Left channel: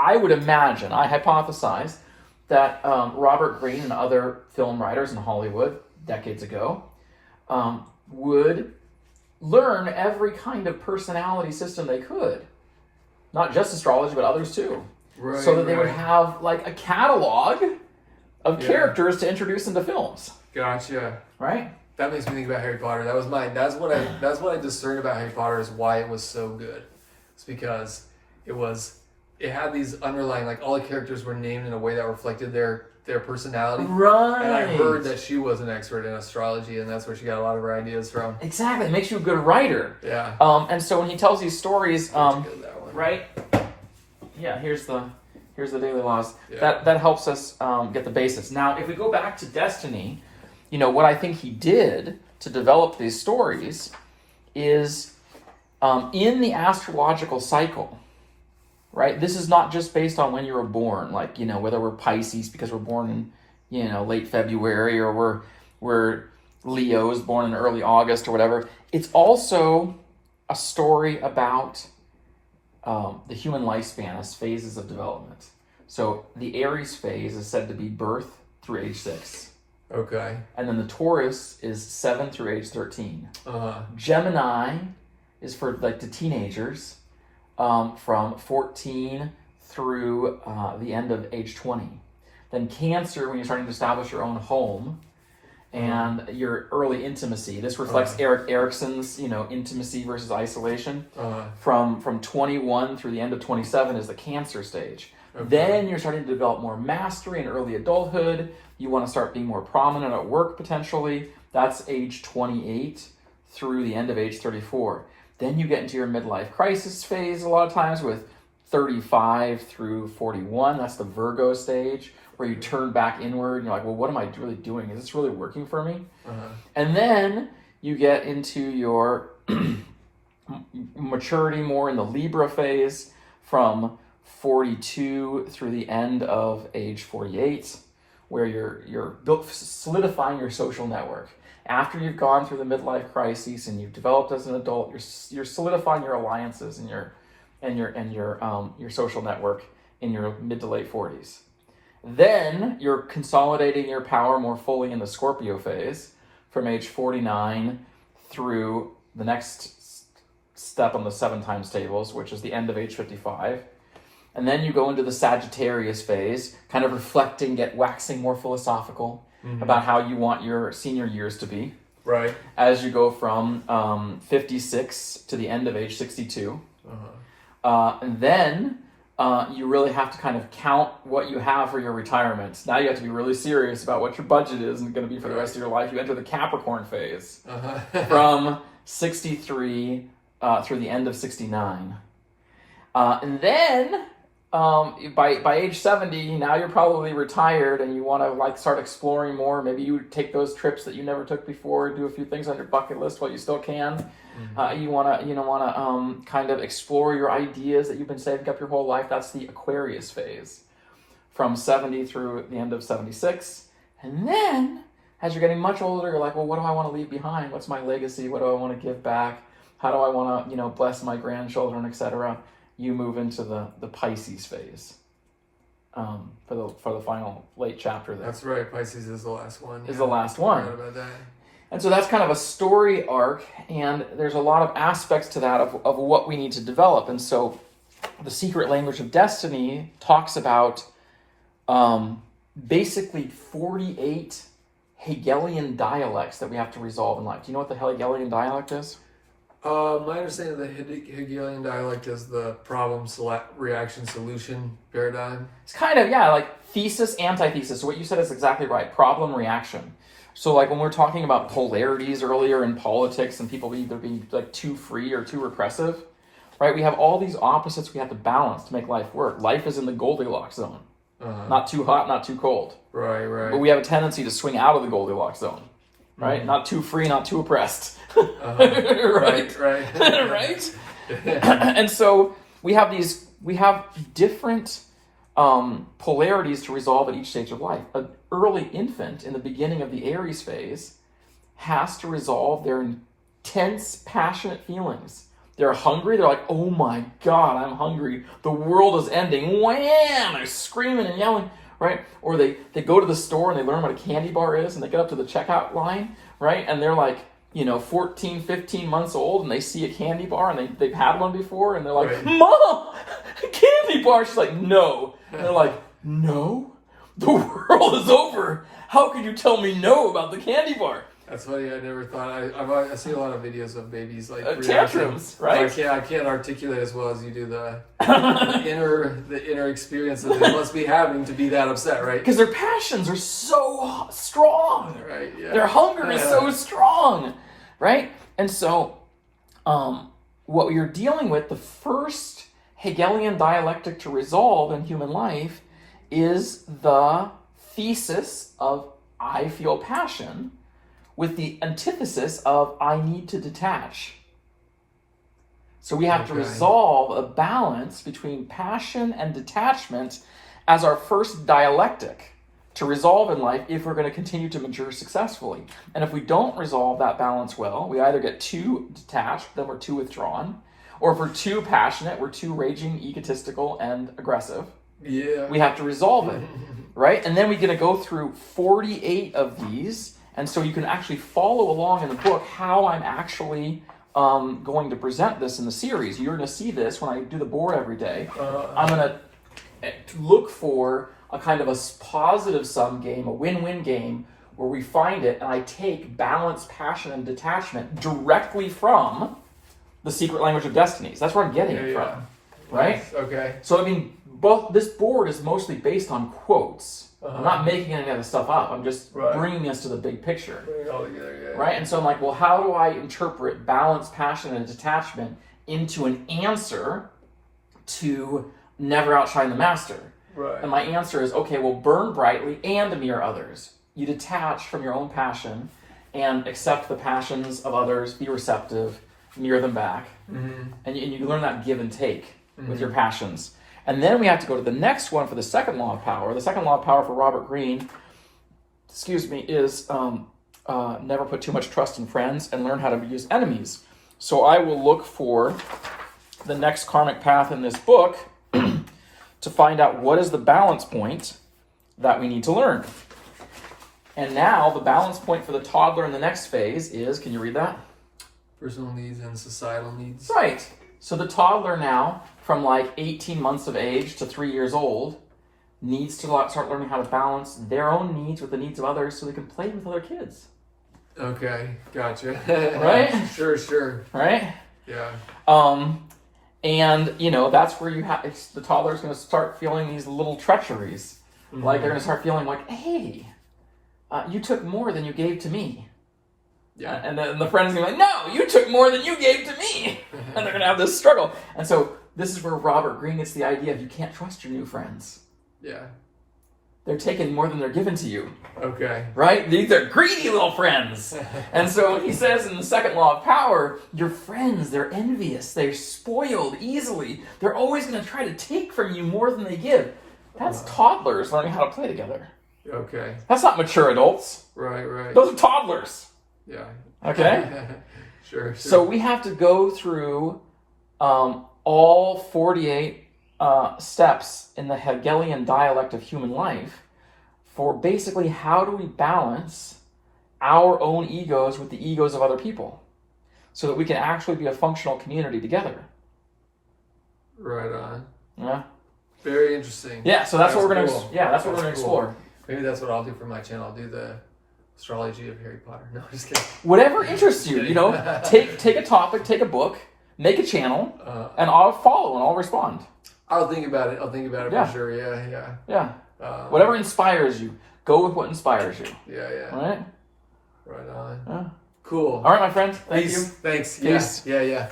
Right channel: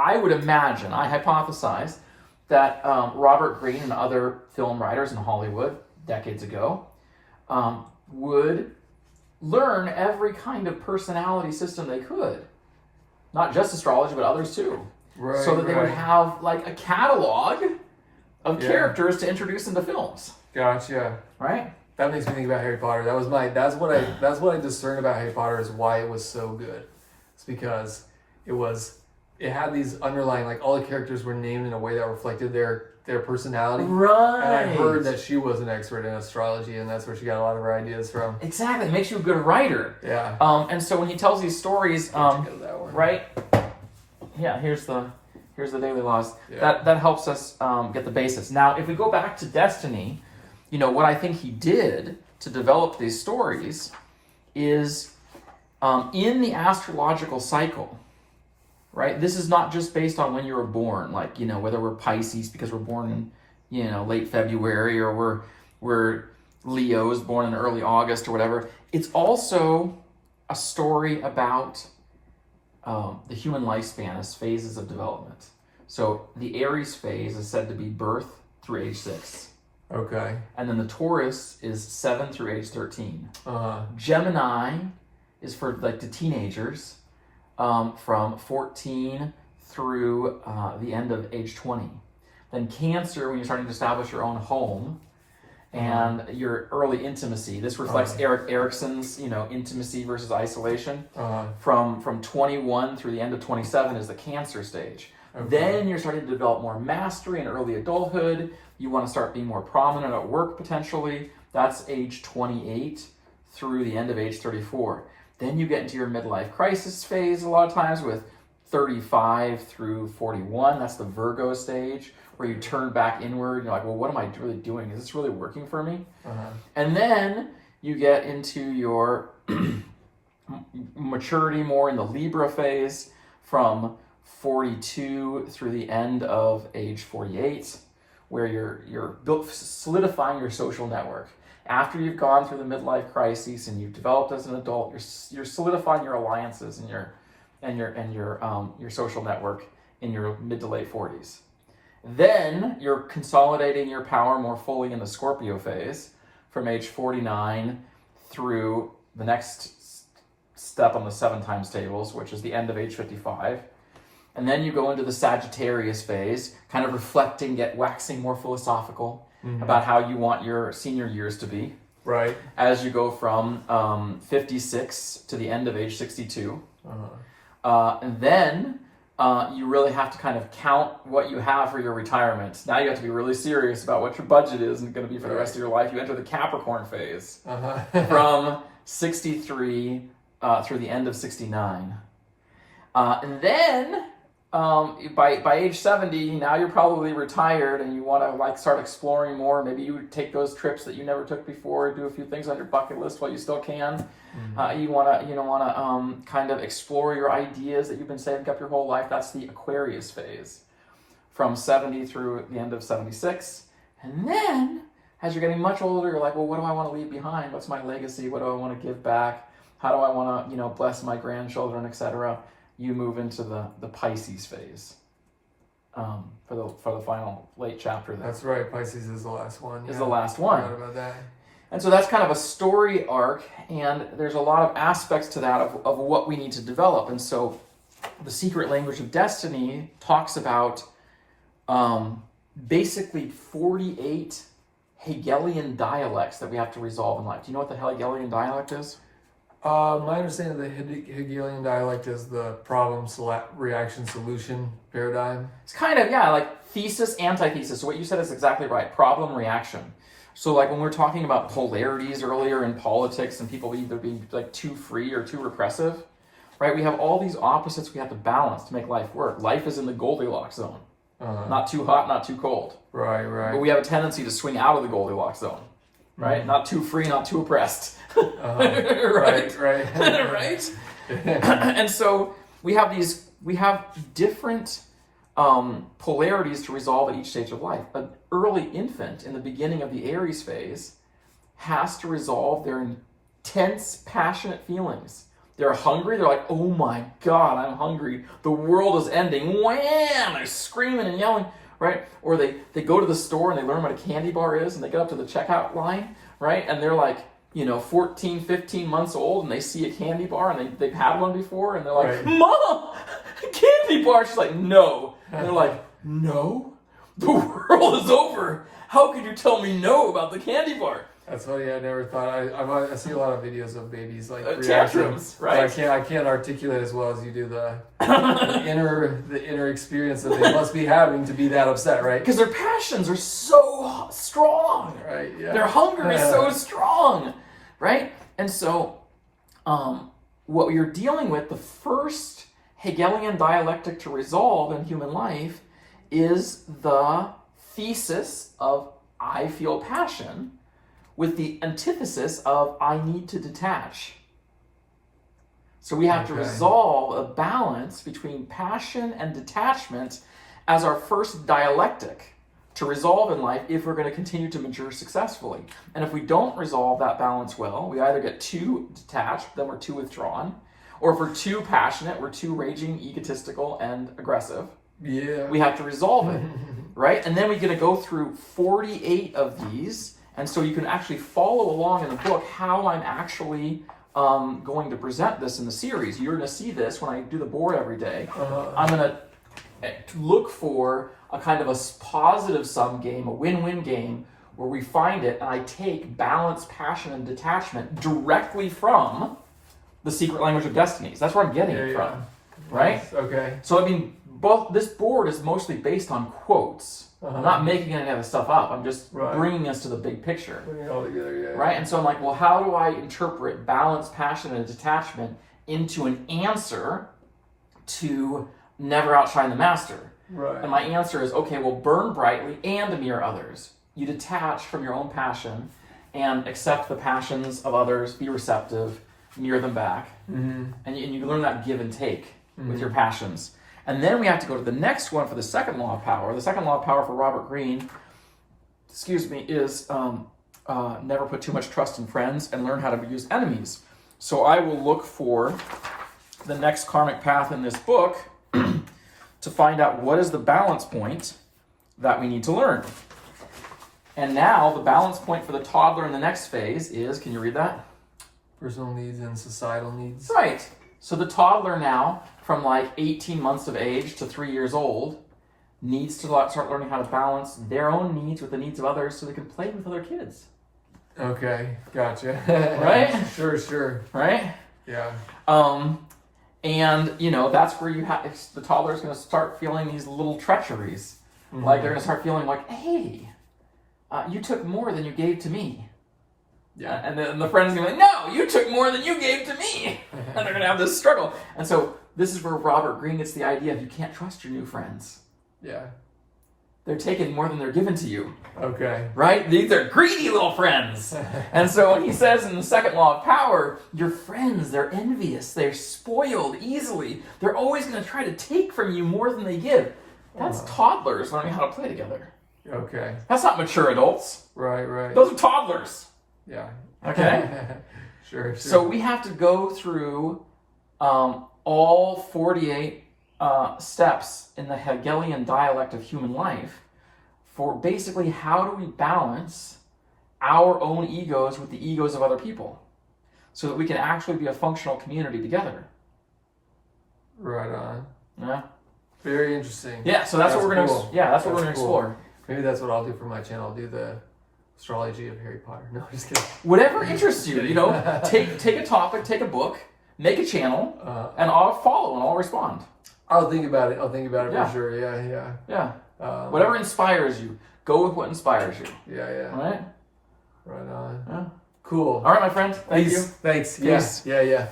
I would imagine, I hypothesize, that Robert Greene and other film writers in Hollywood decades ago would learn every kind of personality system they could. Not just astrology, but others too. Right, so that they would have like a catalog of characters to introduce into films. Gotcha. Right? That makes me think about Harry Potter. That's what I discerned about Harry Potter is why it was so good. It's because it had these underlying, like, all the characters were named in a way that reflected their personality. Right. And I heard that she was an expert in astrology, and that's where she got a lot of her ideas from. Exactly. It makes you a good writer. Yeah. And so when he tells these stories, right? Yeah, here's the daily laws. Yeah. That helps us get the basics. Now, if we go back to Destiny, what I think he did to develop these stories is in the astrological cycle, right? This is not just based on when you were born, like, whether we're Pisces because we're born in, late February, or we're Leos born in early August or whatever. It's also a story about the human lifespan as phases of development. So the Aries phase is said to be birth through age 6. Okay. And then the Taurus is 7 through age 13. Uh-huh. Gemini is for like the teenagers from 14 through the end of age 20. Then Cancer, when you're starting to establish your own home and your early intimacy. This reflects Erik Erikson's, intimacy versus isolation. From 21 through the end of 27 is the Cancer stage. Okay. Then you're starting to develop more mastery in early adulthood. You want to start being more prominent at work potentially. That's age 28 through the end of age 34. Then you get into your midlife crisis phase a lot of times with 35 through 41. That's the Virgo stage where you turn back inward. And you're like, well, what am I really doing? Is this really working for me? And then you get into your maturity more in the Libra phase from 42 through the end of age 48, where you're solidifying your social network. After you've gone through the midlife crisis and you've developed as an adult, you're solidifying your alliances and your social network in your mid to late 40s. Then you're consolidating your power more fully in the Scorpio phase from age 49 through the next step on the 7 times tables, which is the end of age 55. And then you go into the Sagittarius phase, kind of reflecting, waxing more philosophical about how you want your senior years to be. Right. As you go from 56 to the end of age 62. And then you really have to kind of count what you have for your retirement. Now you have to be really serious about what your budget is and going to be for the rest of your life. You enter the Capricorn phase from 63 through the end of 69. And then by age 70, now you're probably retired and you want to start exploring more. Maybe you take those trips that you never took before, do a few things on your bucket list while you still can. You want to kind of explore your ideas that you've been saving up your whole life. That's the Aquarius phase from 70 through the end of 76. And then as you're getting much older, you're like, well, what do I want to leave behind? What's my legacy? What do I want to give back? How do I want to, bless my grandchildren, etc.? You move into the Pisces phase for the final late chapter there. That's right. Pisces is the last one. Is the last one. I forgot about that. And so that's kind of a story arc, and there's a lot of aspects to that of what we need to develop. And so the secret language of destiny talks about basically 48 Hegelian dialects that we have to resolve in life. Do you know what the Hegelian dialect is? My understanding of the Hegelian dialect is the problem-reaction solution paradigm. It's kind of, like thesis, antithesis. So what you said is exactly right. Problem, reaction. So like when we're talking about polarities earlier in politics and people either be like too free or too repressive, right? We have all these opposites we have to balance to make life work. Life is in the Goldilocks zone. Not too hot, not too cold. Right. But we have a tendency to swing out of the Goldilocks zone. Right? Not too free, not too oppressed. Right. Right. And so we have different polarities to resolve at each stage of life. An early infant in the beginning of the Aries phase has to resolve their intense, passionate feelings, They're hungry. They're like, oh my God, I'm hungry. The world is ending. Wham! They're screaming and yelling, right? Or they go to the store and they learn what a candy bar is and they get up to the checkout line, right? And they're like, 14, 15 months old and they see a candy bar and they've had one before and they're like, Right. Mom, a candy bar. She's like, no. And they're like, no? The world is over. How could you tell me no about the candy bar? That's funny. I never thought. I see a lot of videos of babies like tantrums, right? I can't articulate as well as you do the inner experience that they must be having to be that upset, right? Because their passions are so strong. Right. Yeah. Their hunger is so strong, right? And so, what you're dealing with, the first Hegelian dialectic to resolve in human life, is the thesis of I feel passion, with the antithesis of I need to detach. So we have to resolve a balance between passion and detachment as our first dialectic to resolve in life if we're going to continue to mature successfully. And if we don't resolve that balance well, we either get too detached, then we're too withdrawn, or if we're too passionate, we're too raging, egotistical, and aggressive. Yeah. We have to resolve it, right? And then we're going to go through 48 of these. And so you can actually follow along in the book how I'm actually going to present this in the series. You're going to see this when I do the board every day. I'm going to look for a kind of a positive sum game, a win-win game, where we find it, and I take balance, passion, and detachment directly from the secret language of destinies. That's where I'm getting it from, right? Nice. Okay. So, this board is mostly based on quotes. I'm not making any of the stuff up. I'm just bringing us to the big picture. Bring it all together, right? And so I'm like, well, how do I interpret balance, passion, and detachment into an answer to never outshine the master? Right. And my answer is, okay, well, burn brightly and mirror others. You detach from your own passion and accept the passions of others, be receptive, mirror them back. And you learn that give and take with your passions. And then we have to go to the next one for the second law of power. The second law of power for Robert Greene, is never put too much trust in friends and learn how to use enemies. So I will look for the next karmic path in this book to find out what is the balance point that we need to learn. And now the balance point for the toddler in the next phase is, can you read that? Personal needs and societal needs. Right. So the toddler now, from like 18 months of age to 3 years old, needs to start learning how to balance their own needs with the needs of others so they can play with other kids. Okay, gotcha. Right? Sure. Right? Yeah. And, that's where the toddler's going to start feeling these little treacheries. Like they're going to start feeling like, hey, you took more than you gave to me. Yeah. And then the friend's going to be like, no, you took more than you gave to me. And they're going to have this struggle. And so this is where Robert Greene gets the idea of you can't trust your new friends. Yeah. They're taking more than they're given to you. Okay. Right? These are greedy little friends. And so when he says in the second law of power, your friends, they're envious. They're spoiled easily. They're always going to try to take from you more than they give. That's toddlers learning how to play together. Okay. That's not mature adults. Right. Those are toddlers. Yeah. Okay? Sure. So we have to go through all 48 steps in the Hegelian dialect of human life for basically how do we balance our own egos with the egos of other people so that we can actually be a functional community together. Right on. Yeah. Very interesting. Yeah, so that's what we're cool. going to that's what we're going to explore. Maybe that's what I'll do for my channel. I'll do the astrology of Harry Potter. No, just kidding. Whatever interests you, take a topic, take a book, make a channel, and I'll follow and I'll respond. I'll think about it for sure. Yeah. Whatever inspires you, go with what inspires you. Yeah. Right? Right on. Yeah. Cool. All right, my friend. Thank you. Thanks. Peace. Yeah.